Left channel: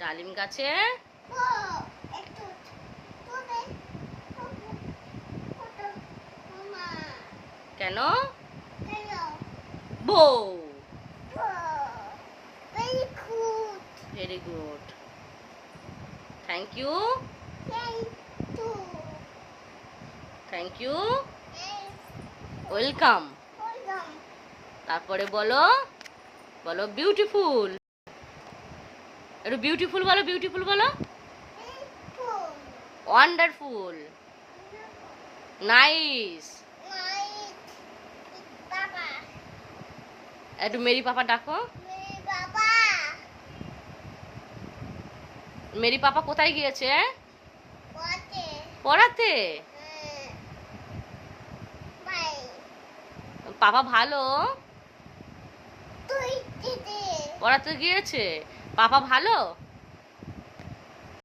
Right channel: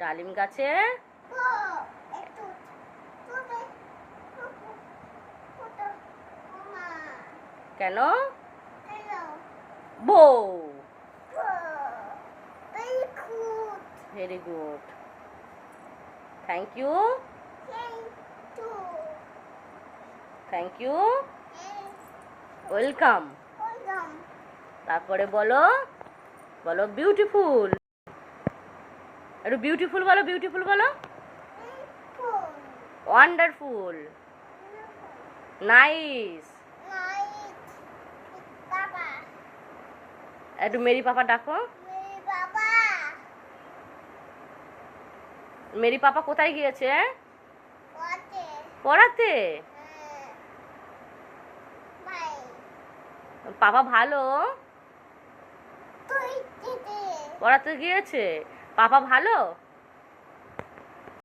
ডালিম গাছে কেন বউ। Very good, thank you, thank you, welcome. তারপরে বলো, বলো বিউটিফুল। একটু বিউটিফুল বলো, বিউটিফুল বলো। Wonderful, nice. একটু মেরি পাপা ডাকো। মেরি পাপা কোথায় গিয়েছে? পড়াতে। পাপা ভালো পড়াতে গিয়েছে। পাপা ভালো।